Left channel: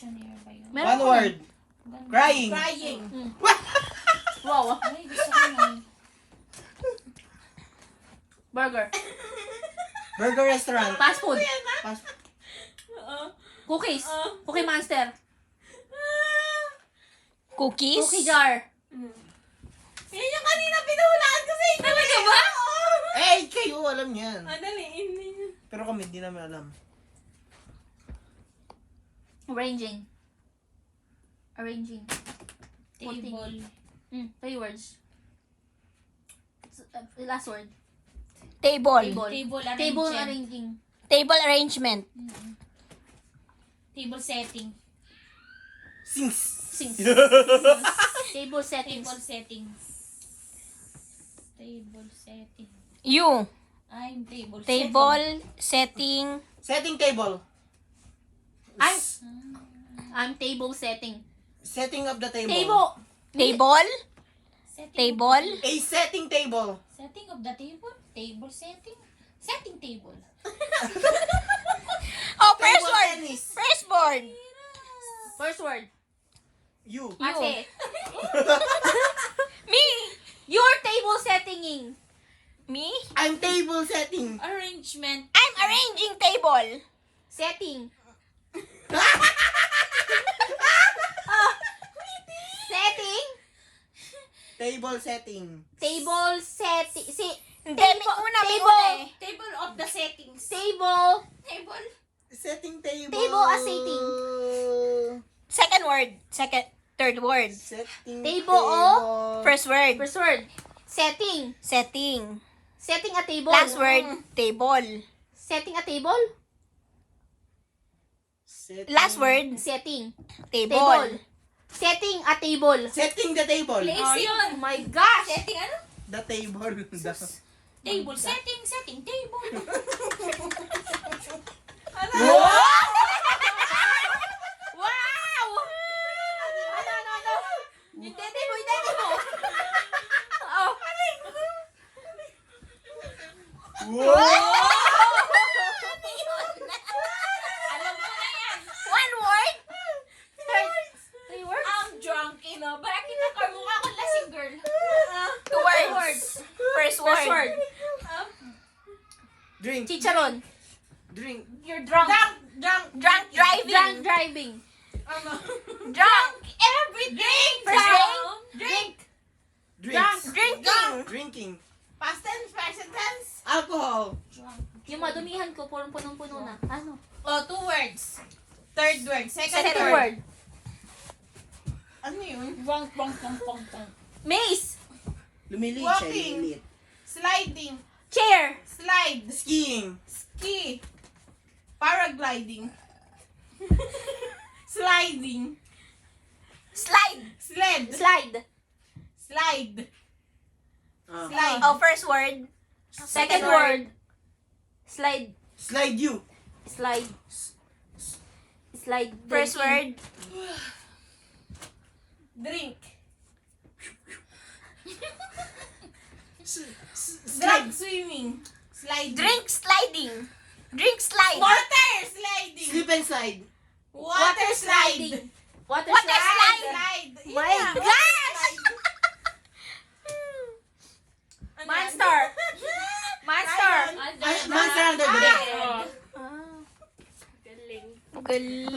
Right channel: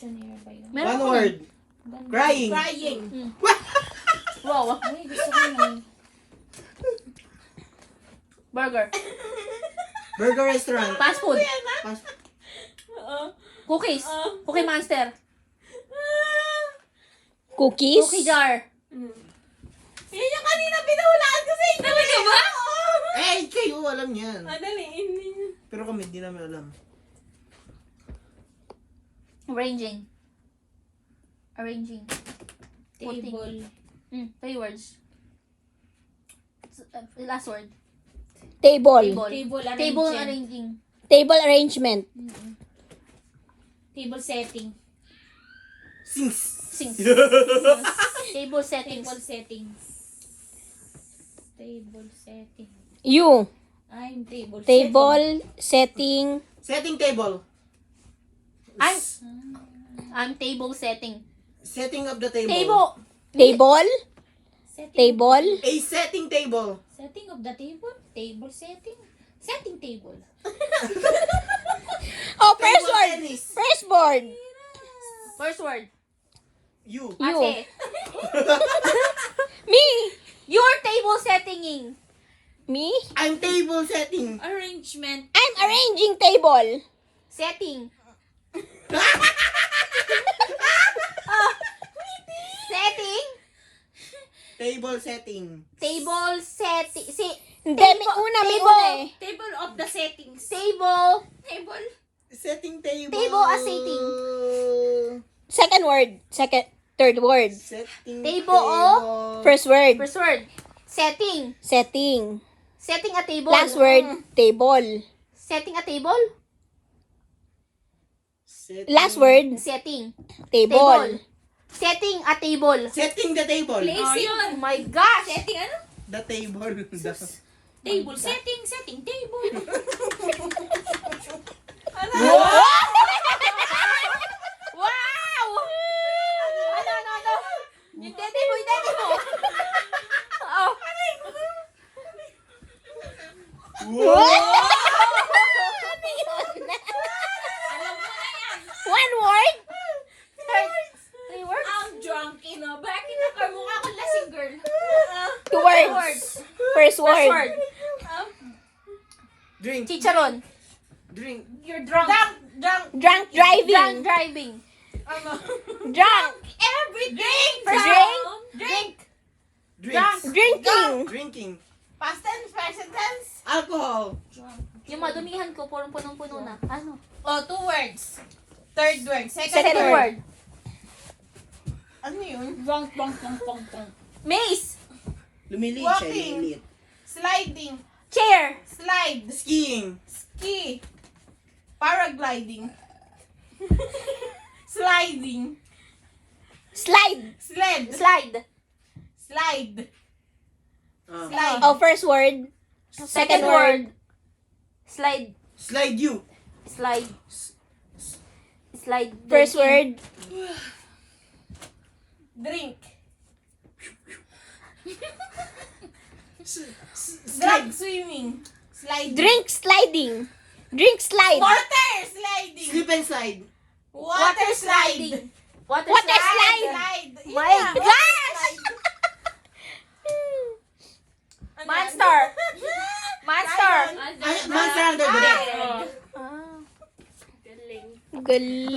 Dictionary ba yun? Meron One ko. word. Crying. Crying. Wow. Ay, gusto ko na. Burger. Burger restaurant. Fast food. Fast- Cookies. Cookie Monster. Cookies? Cookie jar. Yan yung kanina pinuhulaan ko sa inyo. Talaga ba? Eh, kayo alam yan. Madaliin ninyo. Pero kami, di namin alam. Arranging. Arranging. Putting. Table. 3 words. Last word. Table. Table. Table Table arranging. arranging. Table arrangement. Table setting. Sings. Sings. Table settings. Table settings. Table setting. You. I'm table setting. Table setting. Setting table. I'm table setting. Setting of the table. Table. Table. Setting Table. A setting table. Setting of the table. Table setting. Setting table. Oh, first Table word. tennis. First word. First word. You. Ate. Me. You're table settinging. Me. I'm table setting. Arrangement. I'm arranging table. Setting. Setting. Table setting. Table setting. Hindi, may una, may table. una eh. Table of the settings. Table. Table. Setting table. Table as setting. Second word. Third word. Setting Table o? First word. First word. Setting. Setting. Setting a table. Last word. Table. Setting a table. Setting. Last word. Setting. Table. Table. Setting a table. Setting the table. Place Oh yun. my gosh. Setting ano? The table. Table setting. Setting table. Wow! Wow! Ano? Yung tete mo. Oh. Wow! Alam mo na yan. One word. Three words? I'm drunk, Bakit nakamukha ko lasing girl? Two words. First word. First word. Drink. Chicharon. Drink. You're drunk. Drunk driving. Drunk driving. Drunk. Everything. First Drink. Drinks. Drinking. Drinking. Past tense, present tense. Alcohol. Yung madumihan ko, punong-puno na. Ano? Oh, 2 words. Third word. Second word. Ano yun? Bong. Maze. Lumilit Walking. siya. Lumilit. Sliding. Chair. Slide. Skiing. Ski. Paragliding. Sliding. Slide. Sled. Slide. Slide. Ah. Slide. Oh, first word. Second word. Slide. Slide you. Slide. Slide. First word. Drink. Slide. Swimming. Sliding. Drink sliding. Drink slide. Water sliding. Slip and slide. Water slide. Water Water slide. Slide. My gosh! Monster. Monster. Monster under the bed. Ah. Galing.